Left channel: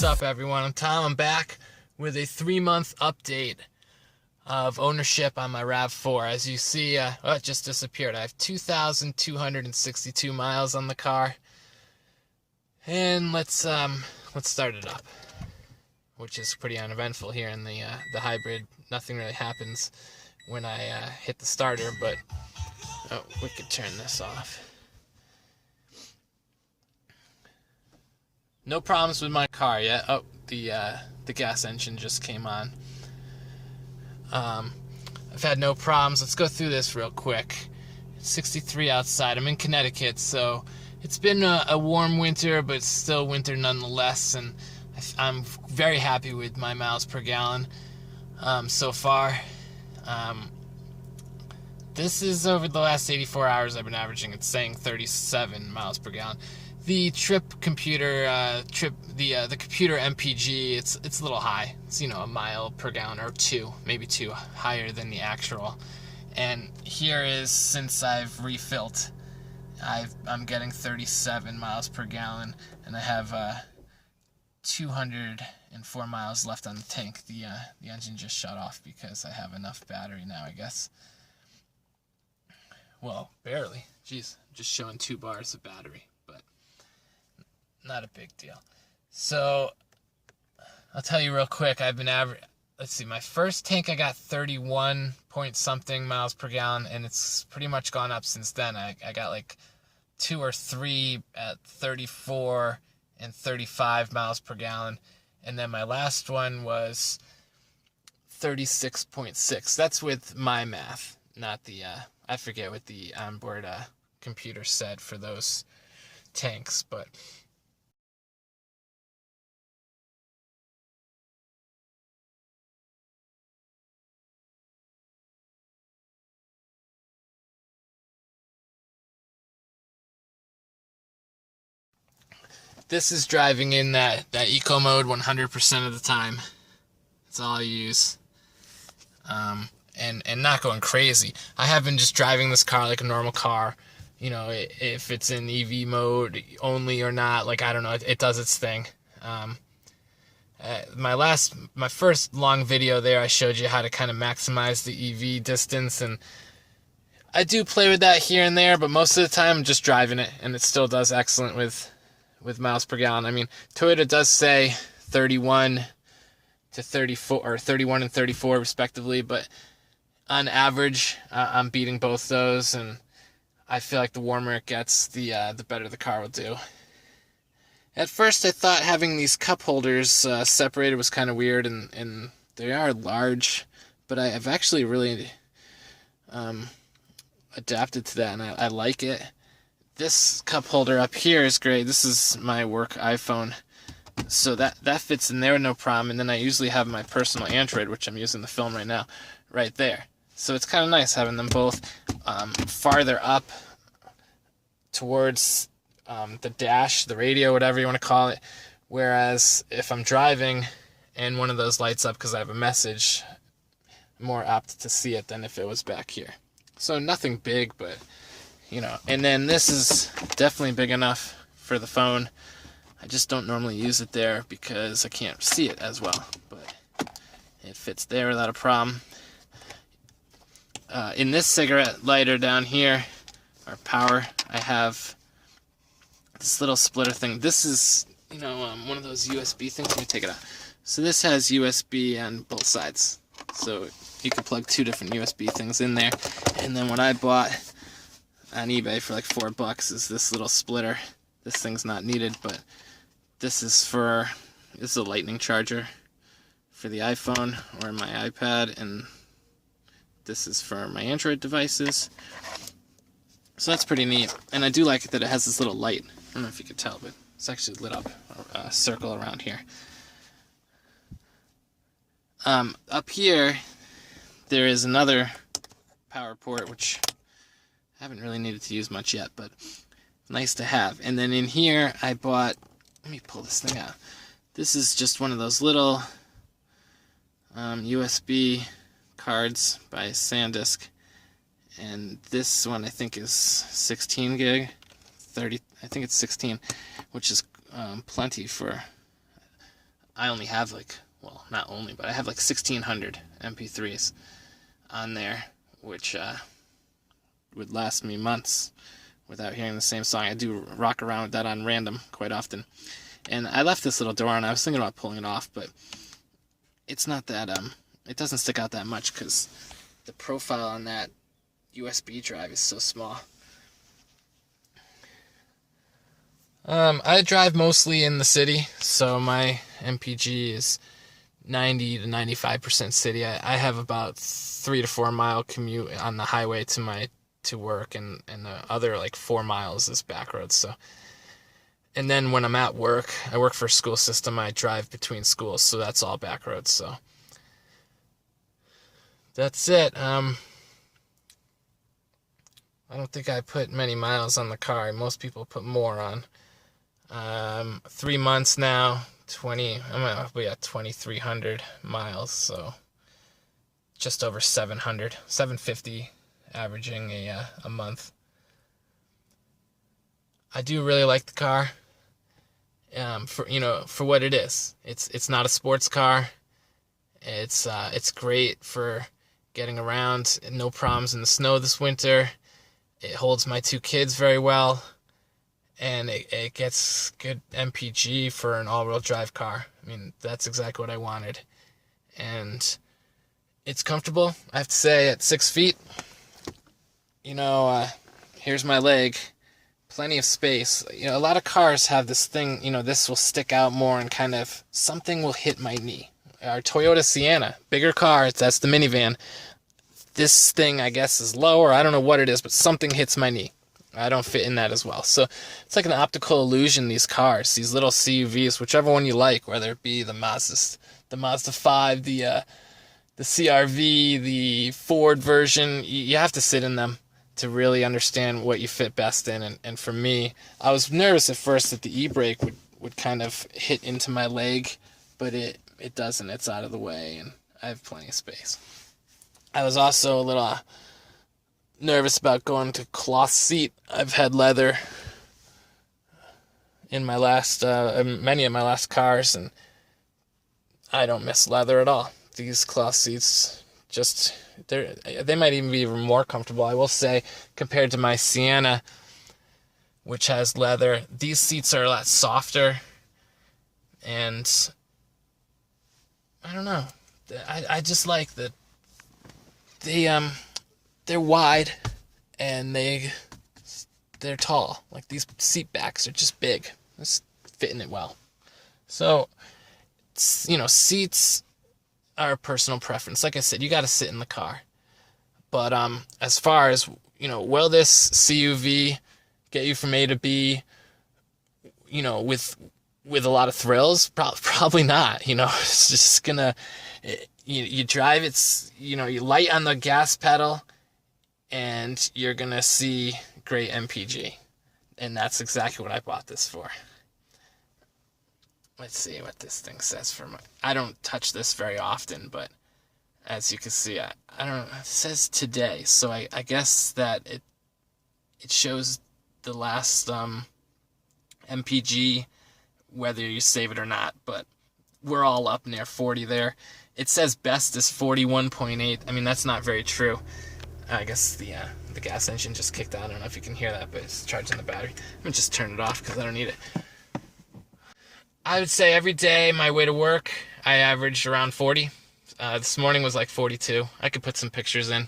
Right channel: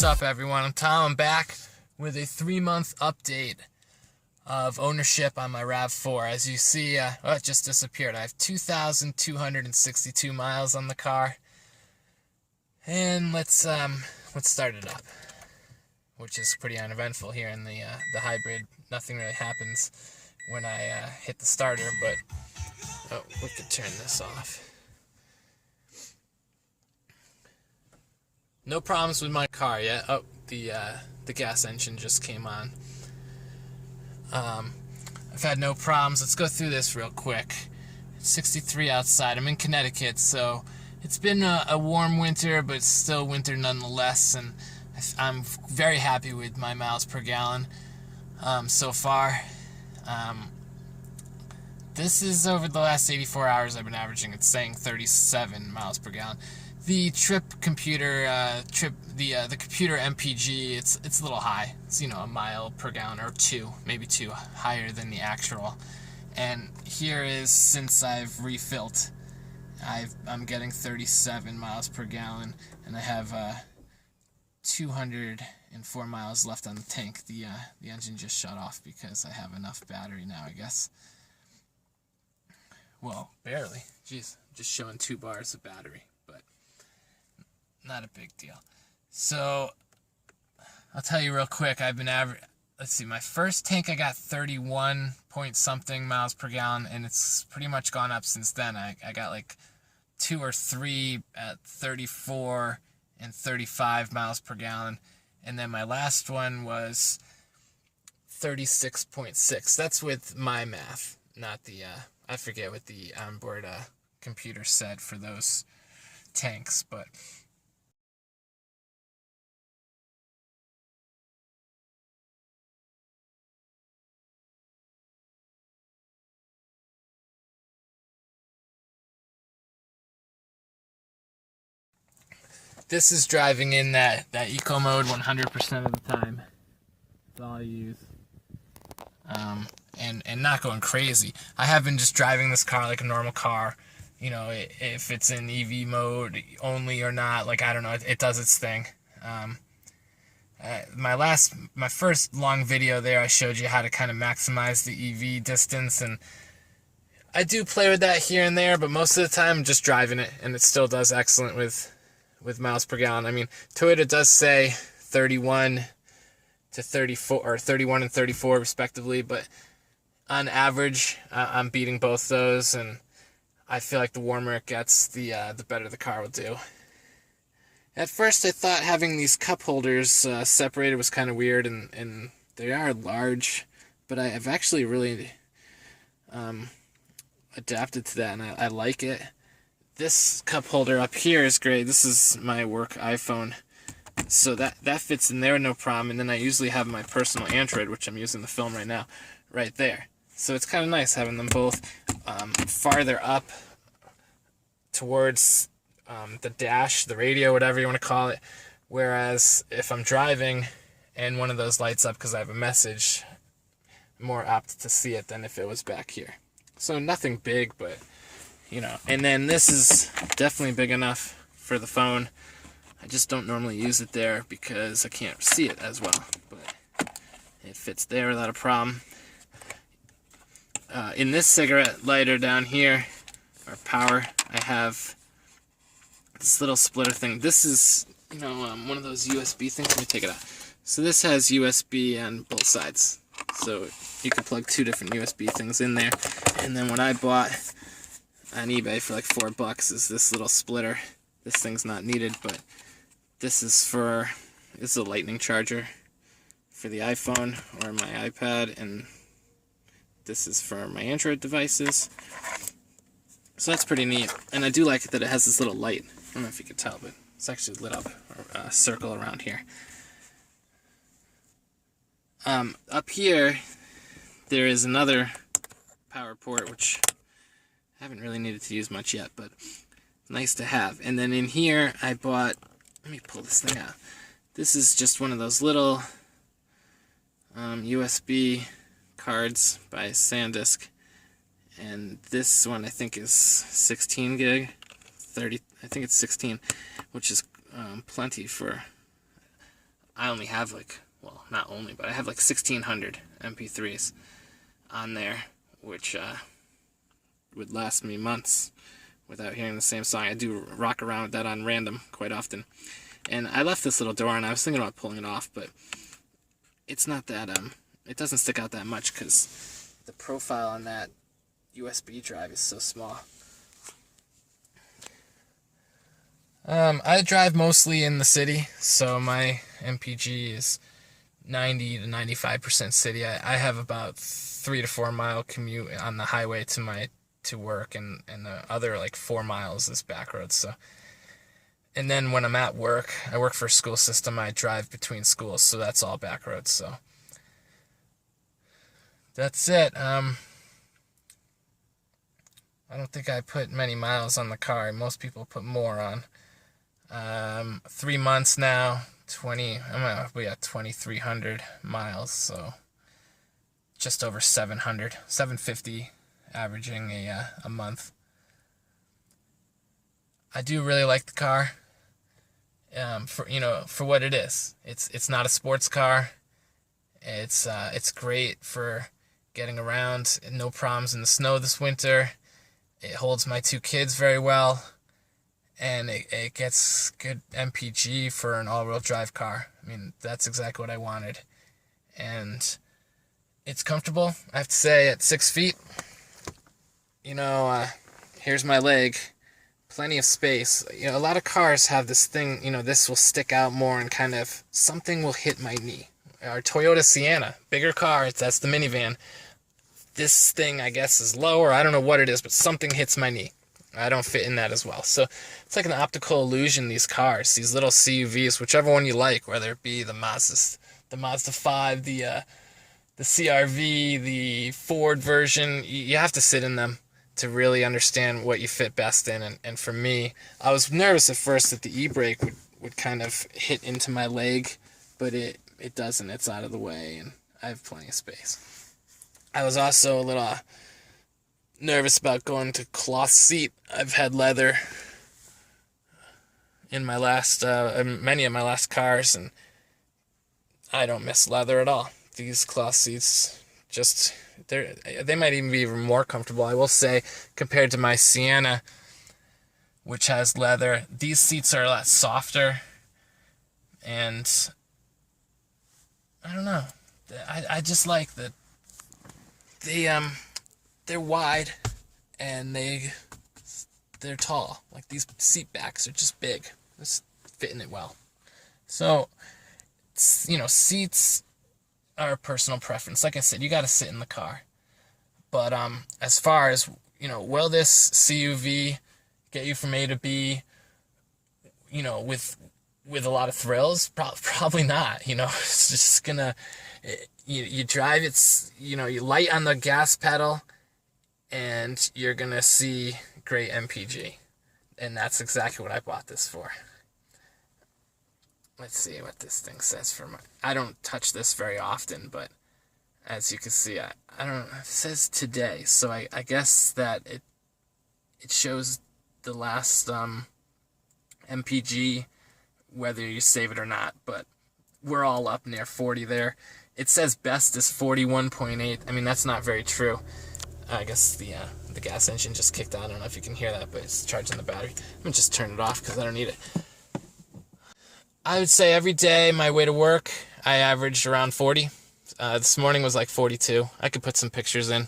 What's up, everyone? I'm Tom. I'm back with a 3-month update of ownership on my RAV4. As you see, it just disappeared. I have 2,262 miles on the car, and let's start it up, which is pretty uneventful here in the hybrid. Nothing really happens when I hit the starter, but we could turn this off. No problems with my car yet. Oh, the gas engine just came on. I've had no problems. Let's go through this real quick. It's 63 outside. I'm in Connecticut, so it's been a warm winter, but it's still winter nonetheless, and I'm very happy with my miles per gallon so far. This is over the last 84 hours I've been averaging. It's saying 37 miles per gallon. The computer MPG, it's a little high. It's, a mile per gallon or maybe two higher than the actual. And here is, since I've refilled, I'm getting 37 miles per gallon, and I have 204 miles left on the tank. The engine just shut off because I have enough battery now, I guess. Well, barely. Jeez, just showing 2 bars of battery, but not a big deal. So, I'll tell you real quick, I've been let's see, my first tank I got 31 point something miles per gallon, and it's pretty much gone up since then. I got like 2 or 3 at 34 and 35 miles per gallon, and then my last one was 36.6. That's with my math, not the, I forget what the onboard computer said for those tanks, but this is driving in that eco mode 100% of the time. That's all I use. And not going crazy. I have been just driving this car like a normal car. If it's in EV mode only or not, like, I don't know, it does its thing. My first long video there, I showed you how to kind of maximize the EV distance, and I do play with that here and there, but most of the time I'm just driving it, and it still does excellent with miles per gallon. I mean, Toyota does say 31 to 34, or 31 and 34 respectively, but on average, I'm beating both those, and I feel like the warmer it gets, the better the car will do. At first, I thought having these cup holders separated was kind of weird, and they are large, but I've actually really adapted to that, and I like it. This cup holder up here is great. This is my work iPhone, so that fits in there, no problem. And then I usually have my personal Android, which I'm using to film right now, right there. So it's kind of nice having them both farther up towards the dash, the radio, whatever you want to call it. Whereas if I'm driving and one of those lights up because I have a message, I'm more apt to see it than if it was back here. So nothing big, but, And then this is definitely big enough for the phone. I just don't normally use it there because I can't see it as well. But it fits there without a problem. In this cigarette lighter down here, or power, I have this little splitter thing. This is, one of those USB things. Let me take it out. So this has USB on both sides. So you can plug 2 different USB things in there. And then what I bought on eBay for like $4 is this little splitter. This thing's not needed, but this is a lightning charger for the iPhone or my iPad, and this is for my Android devices. So that's pretty neat. And I do like it that it has this little light. I don't know if you can tell, but it's actually lit up a circle around here. Up here, there is another power port, which I haven't really needed to use much yet, but nice to have. And then in here, I bought, let me pull this thing out. This is just one of those little USB cards by SanDisk, and this one I think is 16 gig, 30, I think it's 16, which is plenty for I only have not only, but I have 1,600 MP3s on there, which would last me months without hearing the same song. I do rock around with that on random quite often. And I left this little door on. I was thinking about pulling it off, but it's not that, it doesn't stick out that much because the profile on that USB drive is so small. I drive mostly in the city, so my MPG is 90 to 95% city. I have about 3 to 4 mile commute on the highway to work, and the other 4 miles is back roads. So, and then when I'm at work, I work for a school system. I drive between schools, so that's all back roads. So that's it. I don't think I put many miles on the car. Most people put more on. 3 months now, we at 2,300 miles, so just over 750 averaging a month. I do really like the car, for what it is. It's not a sports car. It's great for getting around. No problems in the snow this winter. It holds my 2 kids very well. And it gets good MPG for an all-wheel drive car. I mean, that's exactly what I wanted. And it's comfortable. I have to say, at 6 feet, here's my leg. Plenty of space. A lot of cars have this thing, this will stick out more and kind of, something will hit my knee. Our Toyota Sienna, bigger car, that's the minivan. This thing, I guess, is lower. I don't know what it is, but something hits my knee. I don't fit in that as well. So it's like an optical illusion, these cars, these little CUVs, whichever one you like, whether it be the Mazda 5, the CRV, the Ford version. You have to sit in them to really understand what you fit best in. And for me, I was nervous at first that the e-brake would kind of hit into my leg, but it doesn't. It's out of the way, and I have plenty of space. I was also a little nervous about going to cloth seat. I've had leather in my many of my last cars, and I don't miss leather at all. These cloth seats, they might even be even more comfortable. I will say, compared to my Sienna, which has leather, these seats are a lot softer, and I don't know. I just like that they're wide, and they're tall. These seat backs are just big. It's fitting it well. So, seats are a personal preference. Like I said, you got to sit in the car. But as far as, will this CUV get you from A to B, with a lot of thrills? Probably not. It's just gonna, you drive, you light on the gas pedal, and you're going to see great MPG. And that's exactly what I bought this for. Let's see what this thing says I don't touch this very often, but as you can see, it says today. So I guess that it shows the last MPG, whether you save it or not, but we're all up near 40 there. It says best is 41.8. I mean, that's not very true. I guess the gas engine just kicked on. I don't know if you can hear that, but it's charging the battery. I'm going to just turn it off because I don't need it. I would say every day my way to work, I averaged around 40. This morning was 42. I could put some pictures in.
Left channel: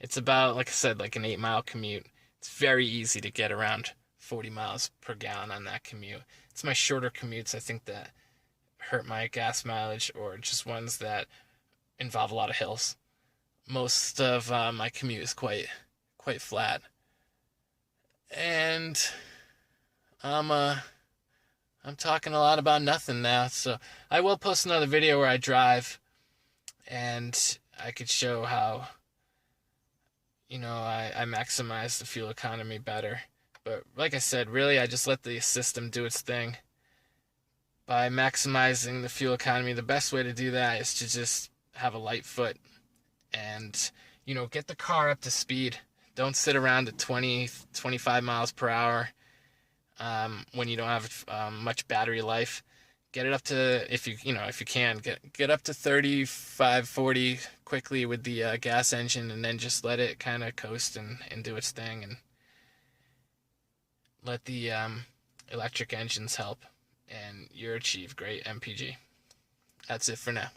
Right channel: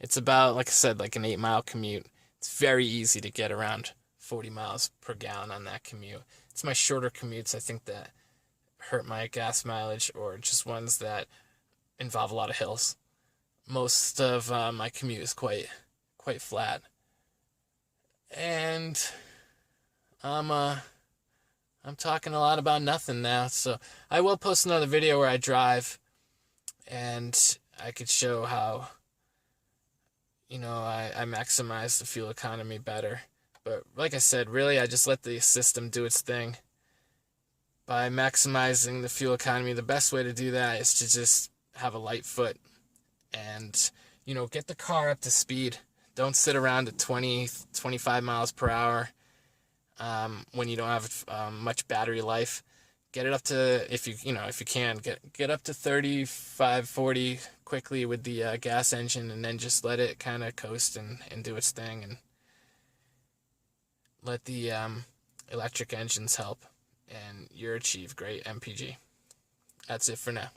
It's about, like I said, an 8-mile commute. It's very easy to get around 40 miles per gallon on that commute. It's my shorter commutes, I think, that hurt my gas mileage, or just ones that involve a lot of hills. Most of my commute is quite flat, and I'm talking a lot about nothing now. So I will post another video where I drive, and I could show how, I maximize the fuel economy better. But like I said, really, I just let the system do its thing. By maximizing the fuel economy, the best way to do that is to just have a light foot and, get the car up to speed. Don't sit around at 20, 25 miles per hour when you don't have much battery life. Get it up to, if you can, get up to 35, 40 quickly with the gas engine, and then just let it kind of coast and do its thing, and let the electric engines help, and you'll achieve great MPG. That's it for now.